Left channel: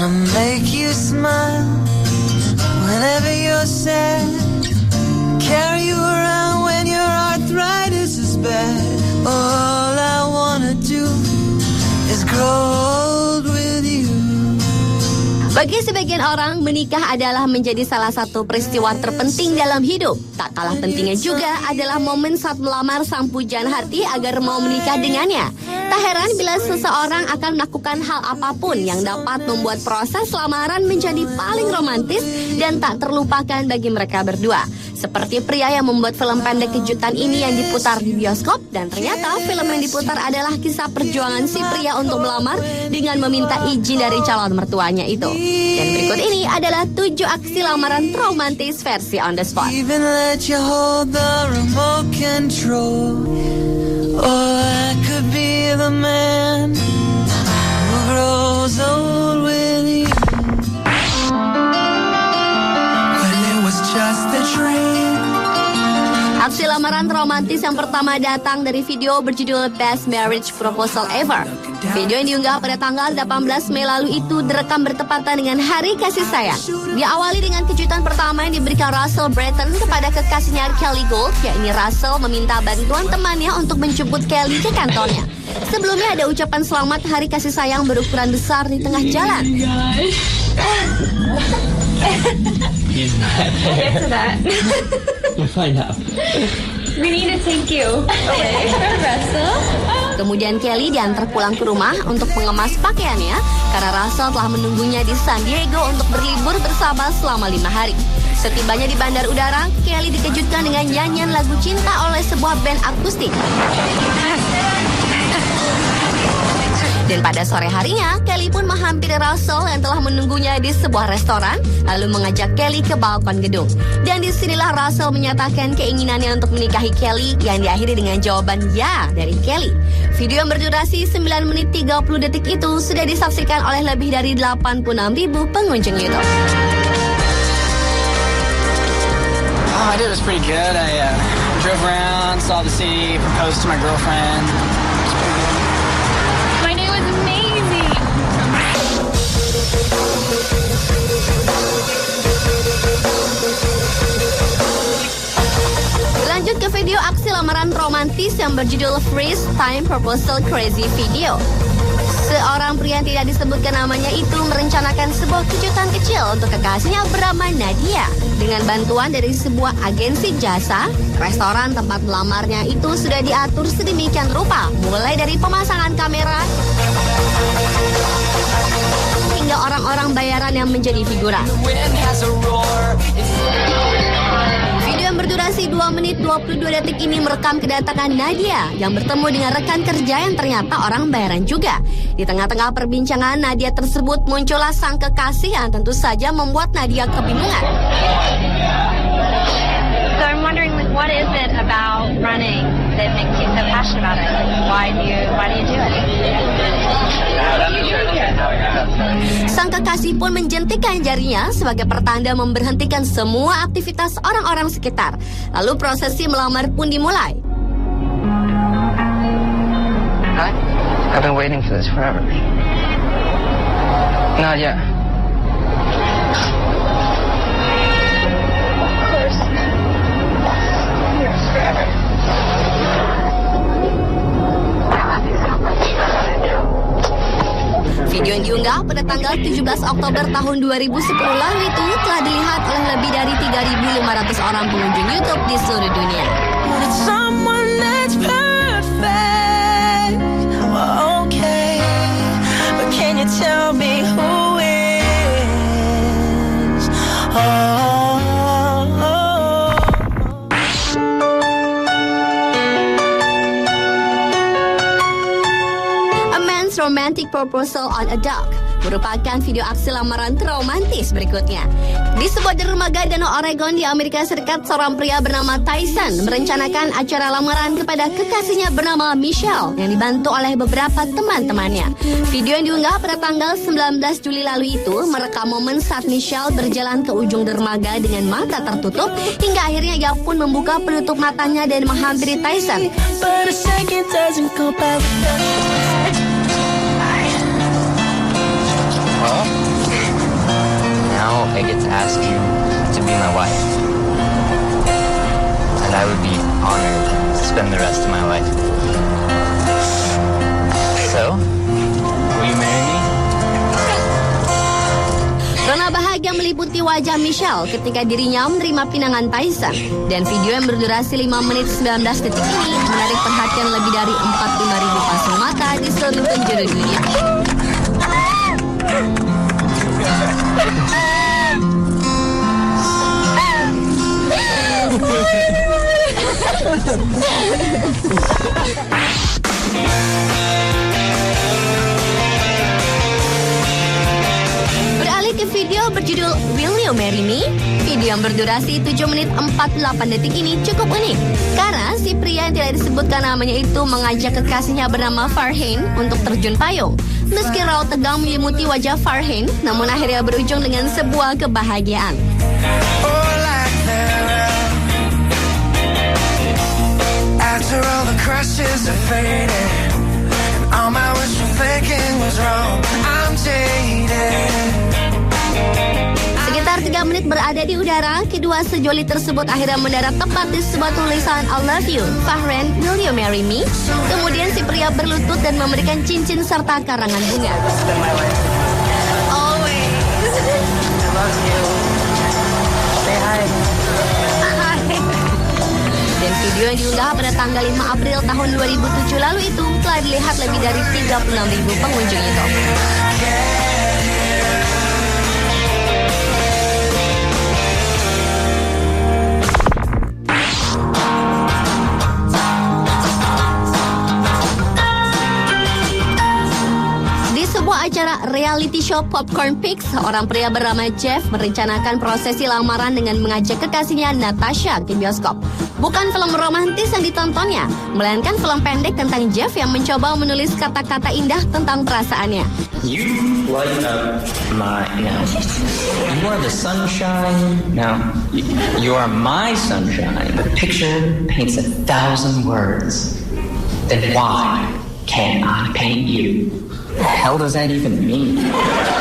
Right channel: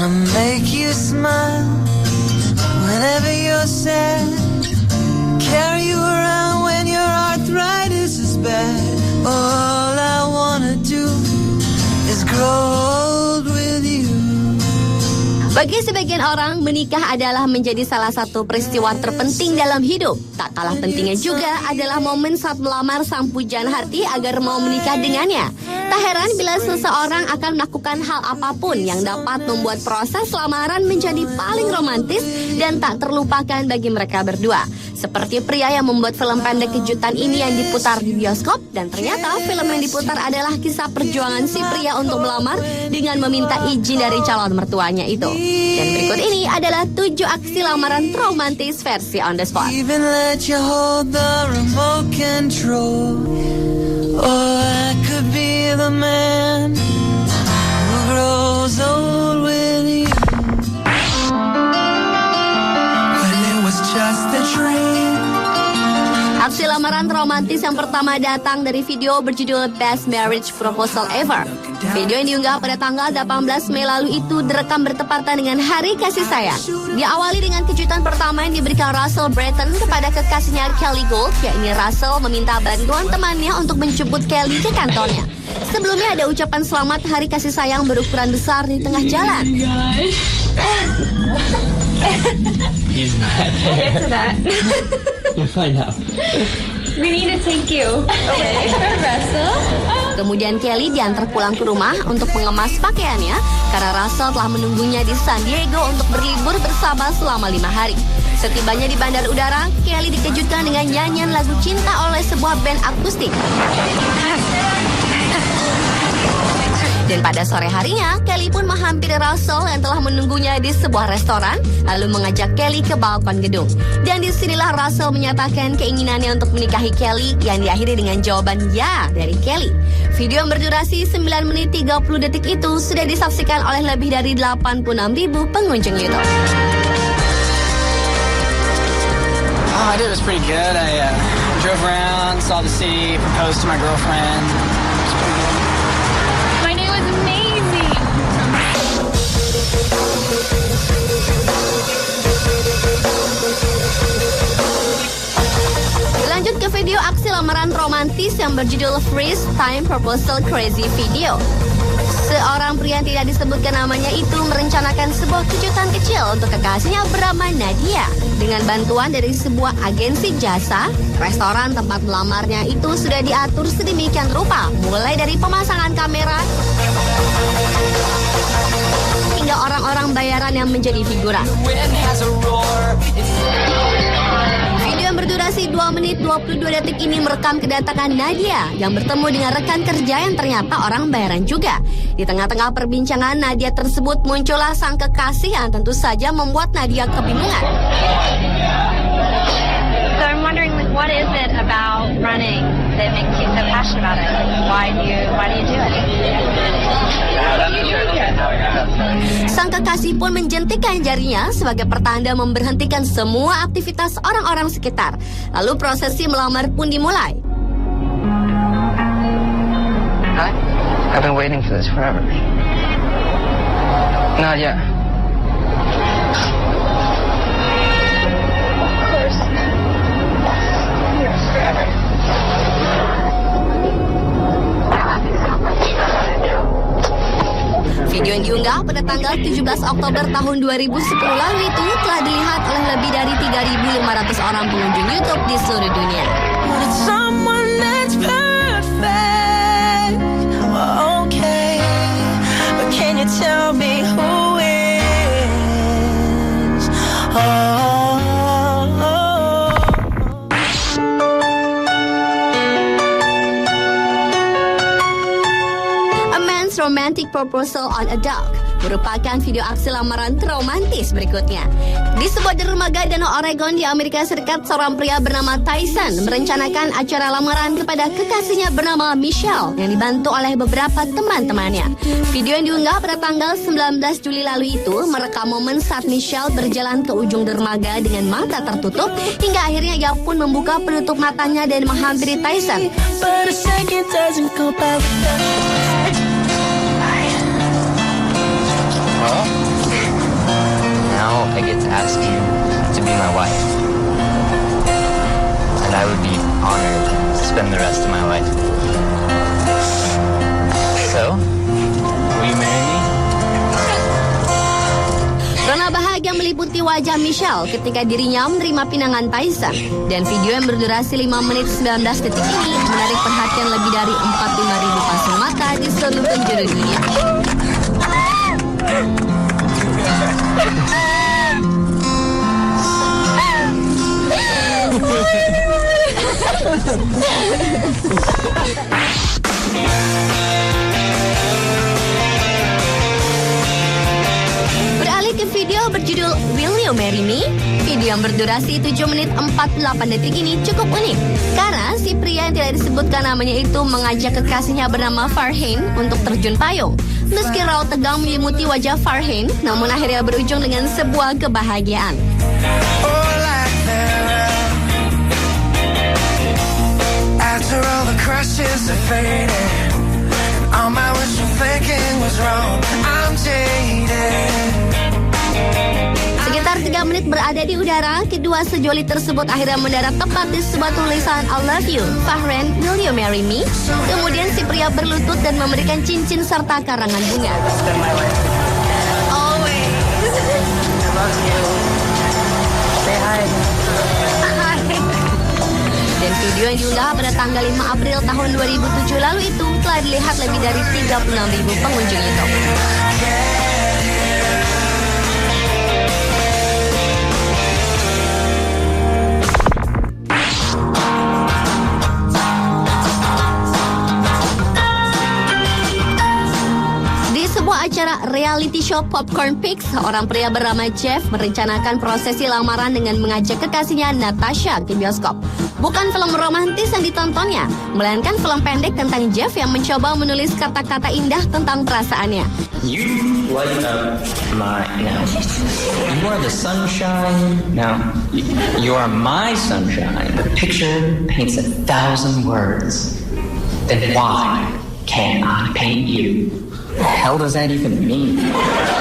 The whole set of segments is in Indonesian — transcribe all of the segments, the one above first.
Wanna make you smile whenever you're sad. Carry you around when your arthritis is bad. All I wanna do is grow old with you. Bagi sebagian orang, menikah adalah menjadi salah satu peristiwa terpenting dalam hidup. Tak kalah pentingnya juga adalah momen saat melamar sang pujaan hati agar mau menikah dengannya. Tak heran bila seseorang akan melakukan hal apapun yang dapat membuat proses lamaran menjadi paling romantis dan tak terlupakan bagi mereka berdua. Seperti pria yang membuat film pendek kejutan ini yang diputar di bioskop, dan ternyata film yang diputar adalah kisah perjuangan si pria untuk melamar dengan meminta izin dari calon mertuanya itu. Dan berikut ini adalah 7 aksi lamaran romantis versi on the spot. Even let you hold the remote control. Or I could be the man who grows old with you. When it was just a dream. Aksi lamaran romantis yang pertama datang dari video berjudul Best Marriage Proposal Ever. Video yang diunggah pada tanggal 18 Mei lalu itu direkam bertepatan dengan Hari Kasih Sayang. Diawali dengan kejutan pertama yang diberikan Russell Brayton kepada kekasihnya Kelly Gould, yakni Russell meminta bantuan temannya untuk menjemput Kelly ke kantornya. Sebelumnya ada ucapan selamat Hari Kasih Sayang berukuran besar di tengah jalan. We need to take you. Kemudian Kelly diantar pulang ke rumah untuk mengemas pakaiannya karena Russell telah menunggunya di San Diego untuk berlibur bersama selama 5 hari. Setibanya di bandar udara, Kelly dikejutkan dengan nyanyian lagu cinta oleh sebuah band akustik. Dan pada sore harinya, Kelly pun menghampiri Russell yang telah menunggunya di sebuah restoran, lalu mengajak Kelly ke balkon gedung. Dan disinilah Russell menyatakan keinginannya untuk menikahi Kelly, yang diakhiri dengan jawaban ya dari Kelly. Video yang berdurasi 9 menit 30 detik itu sudah disaksikan oleh lebih dari 86.000 pengunjung YouTube. I did. It was pretty good. I drove around, saw the sea, proposed to my girlfriend. My day was amazing. Lanjut ke video aksi lamaran romantis yang berjudul Freeze Time Proposal Crazy Video. Seorang pria yang tidak disebutkan namanya itu merencanakan sebuah kejutan kecil untuk kekasihnya bernama Nadia. Dengan bantuan dari sebuah agensi jasa, restoran tempat melamarnya itu sudah diatur sedemikian rupa, mulai dari pemasangan kamera hingga orang-orang bayaran yang menjadi figuran. Video yang berdurasi 2 menit 22 detik ini merekam kedatangan Nadia yang bertemu dengan rekan kerja yang ternyata orang bayaran juga. Di tengah-tengah perbincangan Nadia tersebut muncullah sang kekasih yang tentu saja membuat Nadia kebingungan. So I'm wondering, like, what is it about running that makes you so passionate about it? Why do you do it? Sang kekasih pun menjentikkan jarinya sebagai pertanda memberhentikan semua aktivitas orang-orang sekitar. Lalu prosesi melamar pun dimulai. Hi. I've been waiting for this forever. Nadia. Of course. Yours forever. Video yang diunggah pada tanggal 17 Oktober tahun 2010 lalu itu telah dilihat oleh lebih dari 3.500 orang pengunjung YouTube di seluruh dunia. Wanted someone that's perfect. Well, okay, but can you tell me who is? A Man's Romantic Proposal on a Dock merupakan video aksi lamaran romantis berikutnya. Di sebuah dermaga Danau Oregon di Amerika Serikat, seorang pria bernama Tyson merencanakan acara lamaran kepada kekasihnya bernama Michelle yang dibantu oleh beberapa teman-temannya. Video yang diunggah pada tanggal 19 Juli lalu itu merekam momen saat Michelle berjalan ke ujung dermaga dengan mata tertutup hingga akhirnya ia pun membuka penutup matanya dan menghampiri Tyson. But a second doesn't go by without. to be my wife. And I would be honored to spend the rest of my life. So, will you marry me? Rona bahagia meliputi wajah Michelle ketika dirinya menerima pinangan Tyson. Dan video yang berdurasi 5 menit 19 detik ini menarik perhatian lebih dari 45.000 pasang mata di seluruh penjuru dunia. Beralih ke video berjudul Will You Marry Me? Video yang berdurasi 7 menit 48 detik ini cukup unik karena si pria yang tidak disebutkan namanya itu mengajak kekasihnya bernama Farhane untuk terjun payung. Meski raut tegang menyelimuti wajah Farhane, namun akhirnya berujung dengan sebuah kebahagiaan. Oh, like that. After all the crushes are fading, all my wishful thinking was wrong. I'm dating. Sekitar 3 menit berada di udara, kedua sejoli tersebut akhirnya mendarat tepat di sebuah tulisan I love you, Farhane, will you marry me? Kemudian si pria berlutut dan memberikan cincin serta karangan bunga. Dan video yang diunggah pada tanggal 5 April tahun 2007 lalu itu telah dilihat lebih dari 36.000 pengunjung YouTube. Di sebuah acara reality show Popcorn Pics, seorang pria bernama Jeff merencanakan prosesi lamaran dengan mengajak kekasihnya Natasha ke bioskop. Bukan film romantis yang ditontonnya, melainkan film pendek tentang Jeff yang mencoba menulis kata-kata indah tentang perasaannya. Light up my day. You are the sunshine. No, you are my sunshine. A picture paints 1,000 words. Then why can't I paint you? What the hell does that even mean?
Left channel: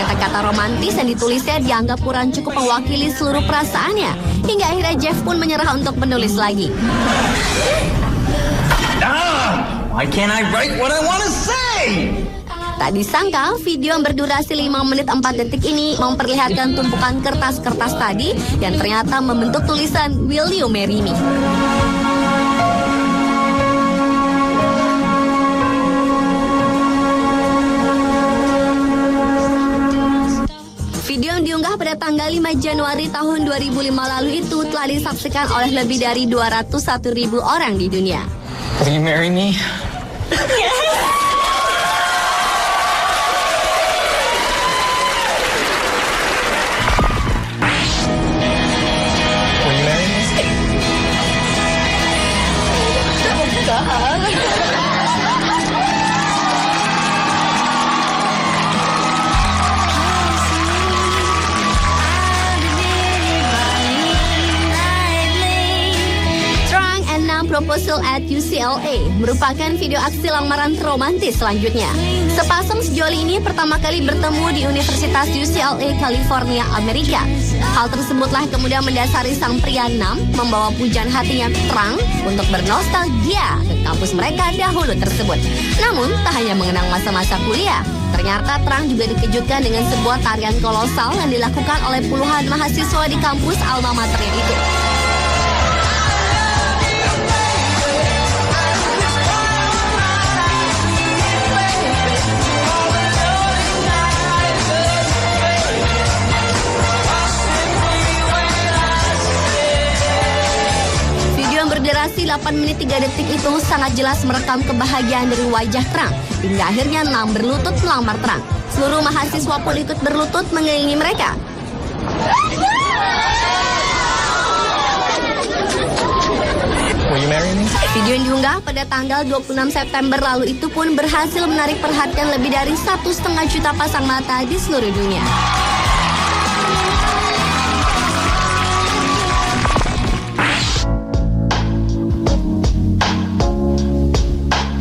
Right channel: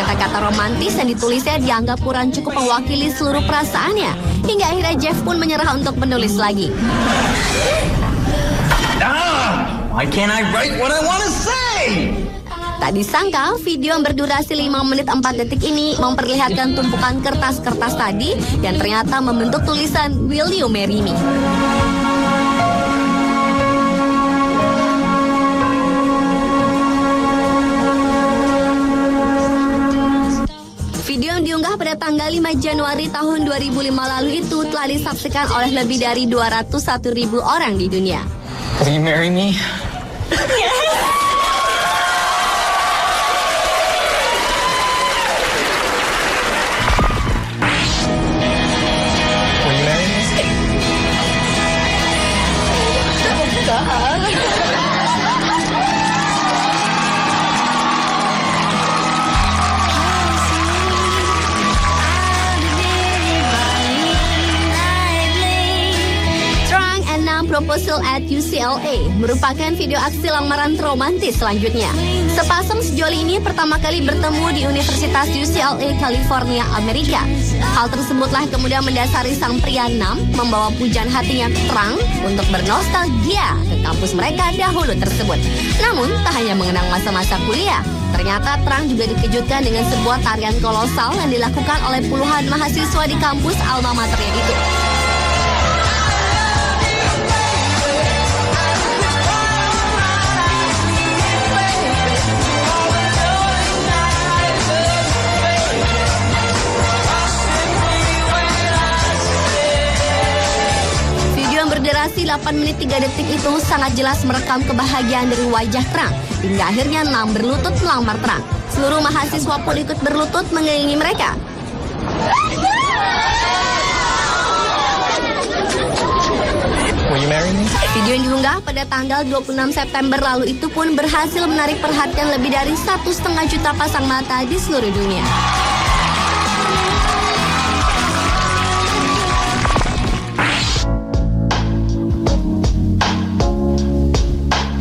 Kata-kata romantis yang ditulisnya dianggap kurang cukup mewakili seluruh perasaannya. Hingga akhirnya Jeff pun menyerah untuk menulis lagi. Why can't I write what I want to say? Tak disangka, video yang berdurasi 5 menit 4 detik ini memperlihatkan tumpukan kertas-kertas tadi dan ternyata membentuk tulisan Will You Marry Me? Video yang diunggah pada tanggal 5 Januari tahun 2005 lalu itu telah disaksikan oleh lebih dari 201.000 orang di dunia. Will you marry me? Will you marry me? Trang and Na Proposal at UCLA merupakan video aksi lamaran romantis selanjutnya. Sepasang sejoli ini pertama kali bertemu di Universitas UCLA, California, Amerika. Hal tersebutlah kemudian mendasari sang pria Nam membawa pujian hatinya Trang untuk bernostalgia ke kampus mereka dahulu tersebut. Namun, tak hanya mengenang masa-masa kuliah, ternyata Trang juga dikejutkan dengan sebuah tarian kolosal yang dilakukan oleh puluhan mahasiswa di kampus alma maternya itu. Video yang berdurasi 8 menit 3 detik itu sangat jelas merekam kebahagiaan dari wajah Trang hingga akhirnya Nam berlutut melamar Trang. Seluruh mahasiswa pun ikut berlutut mengiringi mereka. Video yang diunggah pada tanggal 26 September lalu itu pun berhasil menarik perhatian lebih dari 1,5 juta pasang mata di seluruh dunia.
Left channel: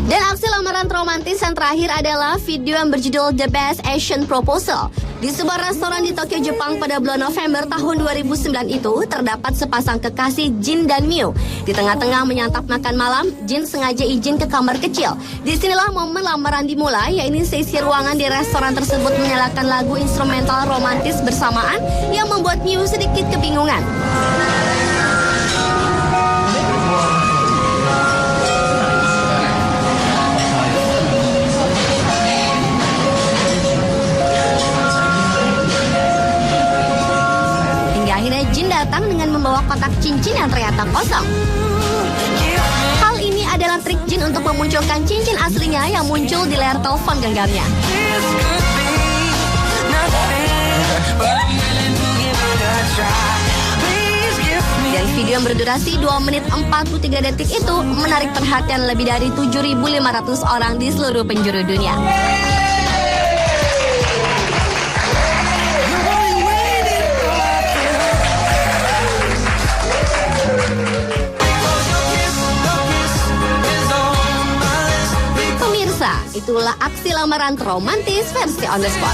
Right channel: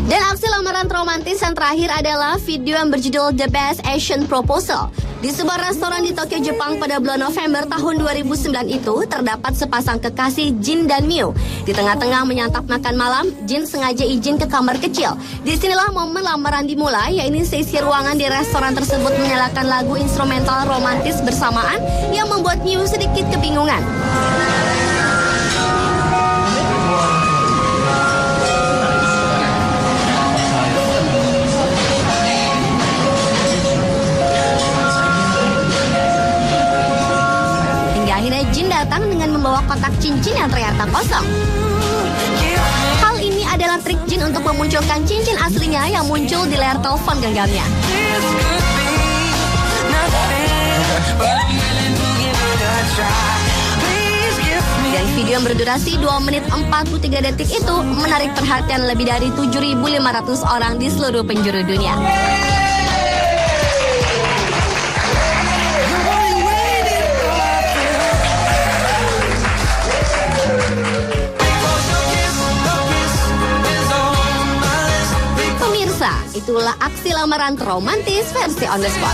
Dan aksi lamaran romantis tulisan terakhir adalah video yang berjudul The Best Asian Proposal. Di sebuah restoran di Tokyo, Jepang pada bulan November tahun 2009 itu terdapat sepasang kekasih Jin dan Miu. Di tengah-tengah menyantap makan malam, Jin sengaja izin ke kamar kecil. Disinilah momen lamaran dimulai, yaitu sesi ruangan di restoran tersebut menyalakan lagu instrumental romantis bersamaan yang membuat Miu sedikit kebingungan. Datang dengan membawa kotak cincin yang ternyata kosong. Hal ini adalah trik Jin untuk memunculkan cincin aslinya yang muncul di layar telepon genggamnya. Dan video yang berdurasi 2 menit 43 detik itu menarik perhatian lebih dari 7.500 orang di seluruh penjuru dunia. Itulah aksi lamaran romantis versi on the spot.